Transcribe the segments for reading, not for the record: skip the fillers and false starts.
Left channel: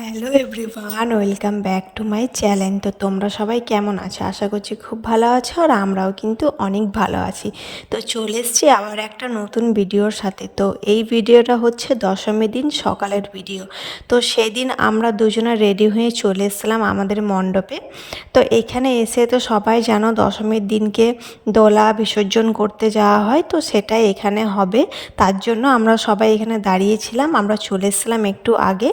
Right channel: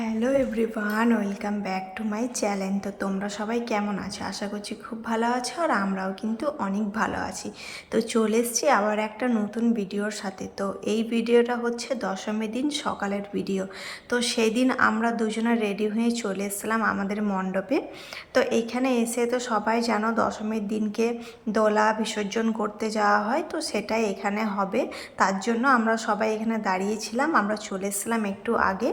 Hello everyone, welcome back to my channel. তো তোমরা সবাই কেমন আছো? আশা করছি খুব ভালো আছো, আর আমরাও কিন্তু অনেক ভালো আছি। তো চলে এসেছি আবার একটা নতুন ভিডিওর সাথে। তো এই ভিডিওটা হচ্ছে দশমীর দিন সকালের ভিডিও। তো সেই দিন আমরা দুজনে রেডি হয়ে চলে এসেছিলাম আমাদের মণ্ডপে। তো এখানে এসে তো সবাই জানো দশমীর দিনকে দোলা বিসর্জন করতে যাওয়া হয়, তো সেটাই এখানে হবে। তার জন্য আমরা সবাই এখানে দাঁড়িয়েছিলাম, আমরা চলে এসেছিলাম একটু আগে।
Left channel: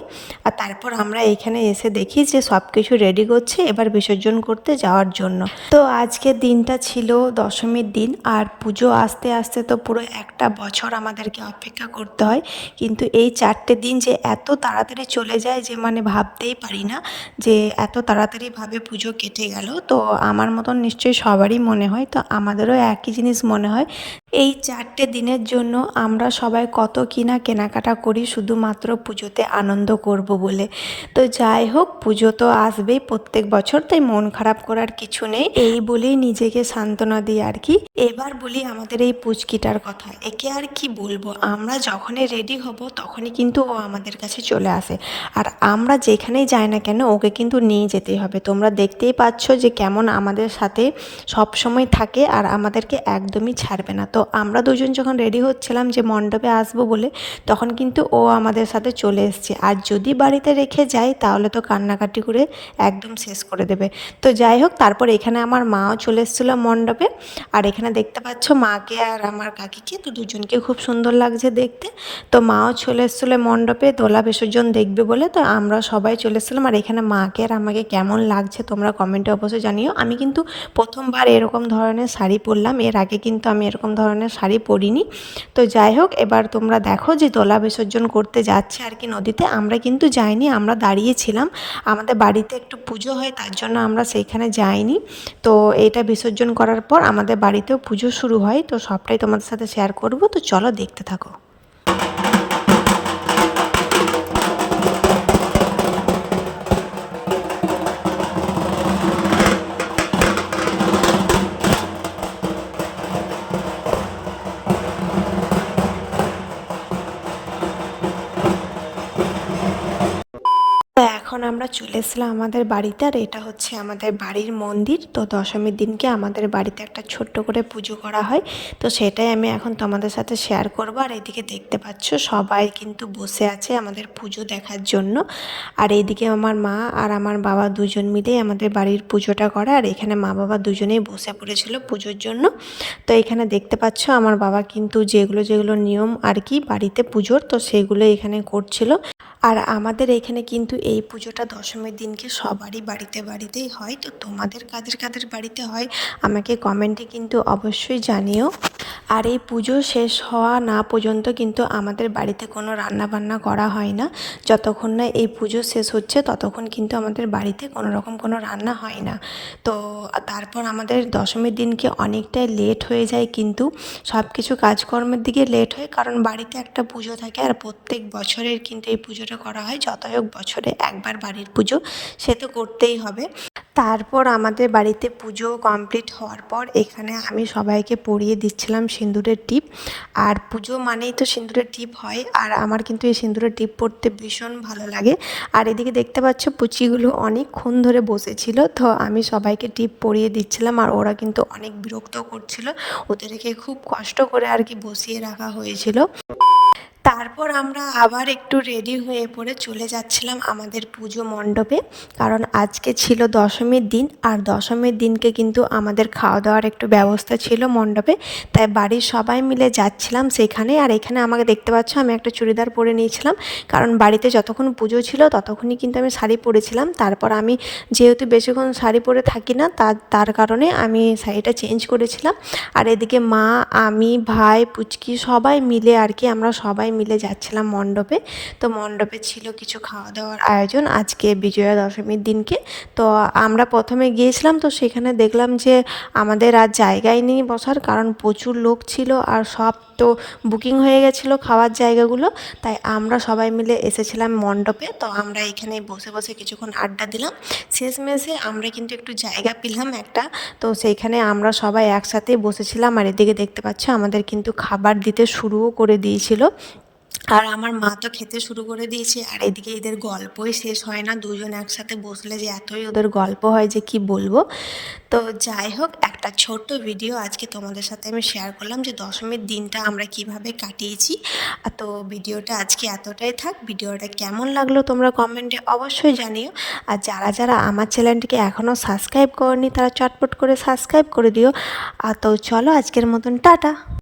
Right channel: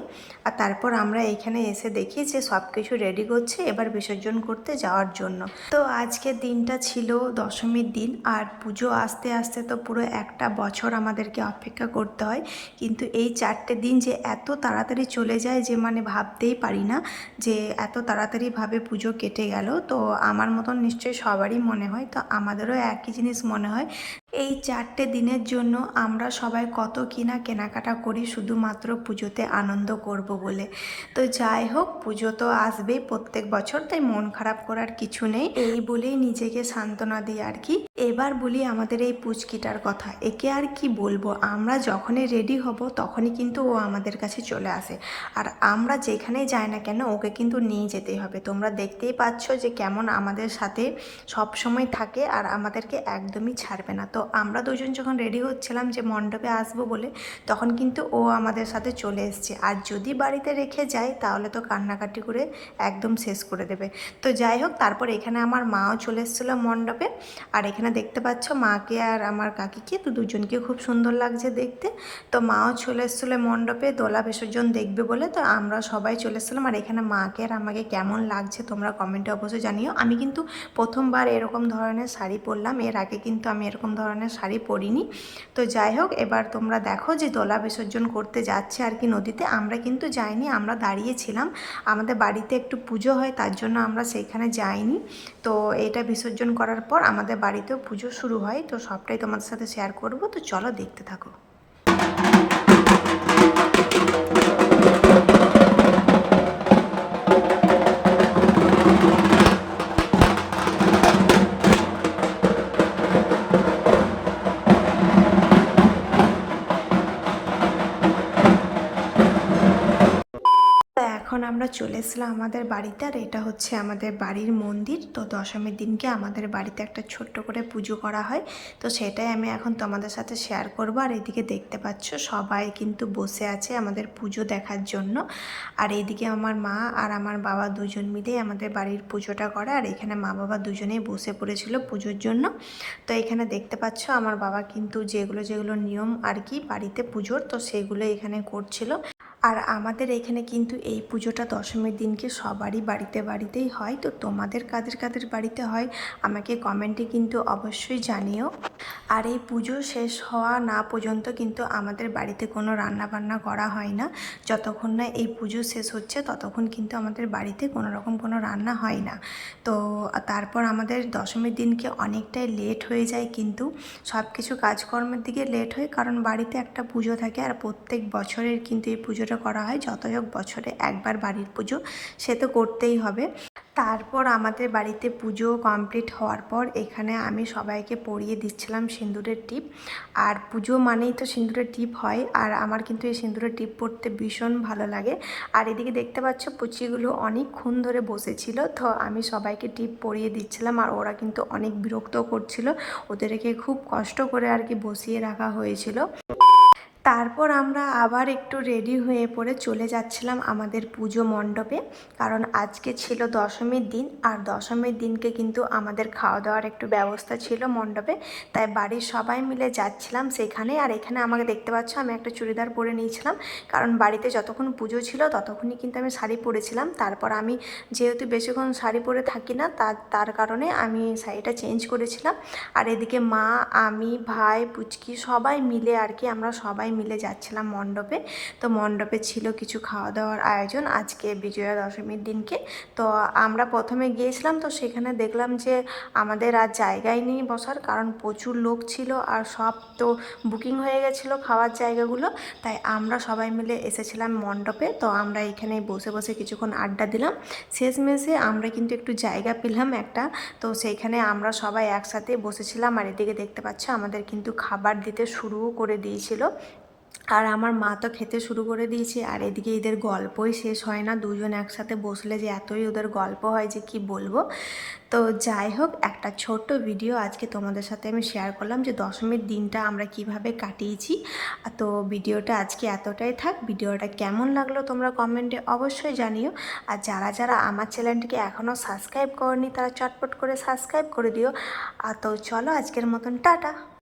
আর তারপর আমরা এখানে এসে দেখি যে সব কিছু রেডি করছে এবার বিসর্জন করতে যাওয়ার জন্য। তো আজকের দিনটা ছিল দশমীর দিন, আর পুজো আসতে আসতে তো পুরো একটা বছর আমাদেরকে অপেক্ষা করতে হয়। কিন্তু এই 4টে দিন যে এত তাড়াতাড়ি চলে যায় যে মানে ভাবতেই পারি না যে এত তাড়াতাড়িভাবে পুজো কেটে গেল। তো আমার মতন নিশ্চয়ই সবারই মনে হয়, তো আমাদেরও একই জিনিস মনে হয়। এই 4টে দিনের জন্য আমরা সবাই কত কিনা কেনাকাটা করি শুধুমাত্র পুজোতে আনন্দ করব বলে। তো যাই হোক, পুজো তো আসবেই প্রত্যেক বছর, তাই মন খারাপ করার কিছু নেই, এই বলেই নিজেকে সান্ত্বনা দিই আর কি। এবার বলি আমাদের এই পুচকিটার কথা। একে আর কি বলবো, আমরা যখনই রেডি হব তখনই কিন্তু ও আমাদের কাছে চলে আসে। আর আমরা যেখানেই যাই না কেন ওকে কিন্তু নিয়ে যেতেই হবে। তোমরা দেখতেই পাচ্ছ যে কেমন আমাদের সাথে সব সময় থাকে আর আমাদেরকে একদমই ছাড়বে না। তো আমরা দুজন যখন রেডি হচ্ছিলাম যে মণ্ডপে আসবো বলে, তখন কিন্তু ও আমাদের সাথে চলে এসছে। আর যদি বাড়িতে রেখে যাই তাহলে তো কান্নাকাটি করে একদম শেষ করে দেবে। তো যাই হোক, তারপর এখানে আমার মাও চলে এসেছিলো মণ্ডপে। আর এখানে দেখতে পাচ্ছ মাকে আর আমার কাকিকে, তো দুজনকে খুব সুন্দর লাগছে দেখতে। তো মাও চলে এসেছিলো মণ্ডপে দোলা বিসর্জন দেখবে বলে। তো আমরা সবাই চলে এসেছিলাম। আর এখানে মাকে আর আমাকে কেমন লাগছে তোমরা কমেন্টে অবশ্যই জানিও। আমি কিন্তু প্রথমবার এরকম ধরনের শাড়ি পরলাম, এর আগে কিন্তু আমি এরকম ধরনের শাড়ি পরিনি। তো যাই হোক, এবার তোমরা দেখো যে দোলা বিসর্জন করতে যাচ্ছে আর কি নদীতে। আমরা কিন্তু যাইনি, আমরা দাঁড়িয়েছিলাম। আমাদের বাড়িতে একটু পুজো হয় তার জন্য আমরা সেইখানে যাইনি। তো এটা বিসর্জন করার পর আমাদের বাড়িতেও পুজো শুরু হয়, তো সবটাই তোমাদের সাথে শেয়ার করব। তো চলো দেখতে থাকো। তো এখন আমরা চলে এসেছিলাম আমাদের বাড়িতে, আর এটা হচ্ছে আমাদের বাড়ির মন্দির। তো দশমীর দিনকে আমাদের বাড়িতে একটা ছোট্ট করে পুজো করা হয়, তো সেটাই আমি এখন তোমাদের সাথে শেয়ার করব। আর এদিকে দেখতে পাচ্ছ সবাই কিন্তু বসে আছে আমাদের পুজো দেখার জন্য। আর এইদিকে আমার মা আর আমার বাবা দুজন মিলেই আমাদের বাড়ির পুজোটা করে। আর এখানে মা বাবা দুজনেই বসে পড়েছিল পুজোর জন্য। তো এখানে দেখতে পাচ্ছ আমার বাবা কিন্তু যেগুলো যেগুলো নিয়ম আর কি বাড়িতে পুজোর, তো সেগুলো এখানে করছিল। আর আমাদের এখানে কিন্তু এই পুজোটা দশমীর দিনকে সবারই বাড়িতে বাড়িতেই হয়। তো তোমাদের কাদের কাদের বাড়িতে হয় আমাকে কমেন্টে কিন্তু অবশ্যই জানিও। আর এই পুজো শেষ হওয়া না পর্যন্ত কিন্তু আমাদের বাড়িতে কোনো রান্না বান্না করা হয় না। যতক্ষণ না এই পুজো শেষ হচ্ছে ততক্ষণ কিন্তু আমাদের বাড়িতে কোনো রকম কোনো রান্না হয় না। তো তারপর আমাদের দশমীর দিনকে অনেকটাই লেট হয়ে যায়, কিন্তু সব কিছু কাজকর্মের দিকে লেট হয়, কারণ বাড়িতে একটা পুজো থাকে। আর প্রত্যেক বছরের কিন্তু এই পুজোটা করা হয়, যতই হোক বছরে একবার বাড়ির পুজো, সে তো করতেই হবে। তারপর আমাদের বাড়িতে পুজো কমপ্লিট হওয়ার পর এখানে আমি সবাইকে পরিয়ে দিচ্ছিলাম সিঁদুরের টিপ। আর পুজো মানেই তো সিঁদুরের টিপ হয়, আর আমার কিন্তু এই সিঁদুরের টিপ পরতে ভীষণ ভালো লাগে। আর এদিকে দেখতে পাচ্ছ পুচিগুলো অনেকক্ষণ ধরে বসেছিল, তো আমি সবাইকে টিপ পরিয়ে দিচ্ছিলাম। আর ওরা কিন্তু অনেক বিরক্ত করছিল, ওদেরকে খুব কষ্ট করে আর কি বসিয়ে রাখা হয়েছিল। তারপর আমরা আবার একটু রেডি হয়ে পড়ে চলে যাচ্ছিলাম আমাদের পুজো মণ্ডপে, কারণ আজকে ছিল দশমীর দিন। আর দশমীর দিনকে কিন্তু আমাদের খাওয়া দাওয়ার একটু ব্যবস্থা ছিল মণ্ডপে, তাই বাড়ির সবাই মিলে যাচ্ছিলাম সেখানে। আর এখানে আমাকে দেখতে পাচ্ছ আমি একটা চুড়িদার পরে নিয়েছিলাম, কারণ বাড়িতে যতক্ষণ পুজো ছিল ততক্ষণই কিন্তু আমি শাড়ি পরেছিলাম। তারপর আমি যেহেতু বেশিক্ষণ শাড়ি পরে থাকি না, তার কারণে আমি শাড়িটা চেঞ্জ করেছিলাম। আর এদিকে মা, আমি, ভাই, পুচকি সবাই মিলে আর কি আমরা সবাই মিলে যাচ্ছিলাম মণ্ডপে। তো মণ্ডপে ছিল কিছু খাওয়া দাওয়ার আয়োজন আজকে বিজয়া দশমীর দিনকে। তো আমরা প্রথমে গিয়েছিলাম, তো সেখানে দেখলাম যে আমাদের আর জায়গাই নেই বসার, কারণ প্রচুর লোক ছিল আর সব তো বুকিং হয়ে গেছিলো খাওয়ার জায়গাগুলো। তাই আমরা সবাই মিলে এসেছিলাম মণ্ডপে। তো আমরা এখানে বসে বসে কিছুক্ষণ আড্ডা দিলাম। শেষমেশে আমরা কিন্তু একটু জায়গা পেলাম একটা, তো সেইখানে আমরা সবাই একসাথে বসেছিলাম। আর এদিকে দেখতে পাচ্ছ আমাদের কিন্তু খাবার দিতে শুরুও করে দিয়েছিল। আর আমার মা তো খেতে শুরু করে দিয়েছে, আর এদিকে এদের গল্পই শেষ হয় না। দুজন একসাথে বসলে যে এতই ওদের গল্প হয় যে কি বলবো। তো যাই হোক, একটা ছোট্ট ভিডিও আজকে তোমাদের সাথে আমি শেয়ার করলাম যে দশমীর দিনটা আমরা কিভাবে কাটিয়েছি। তো ভিডিওটা আজকে এতটাই থাক। ভিডিওটা কেমন লাগলো তোমরা কমেন্টে অবশ্যই জানিও। আর যারা যারা আমার চ্যানেলটিকে এখনও সাবস্ক্রাইব করনি তারা চটপট করে সাবস্ক্রাইব করে দিও। আর তো চলো আজকের মতন টাটা।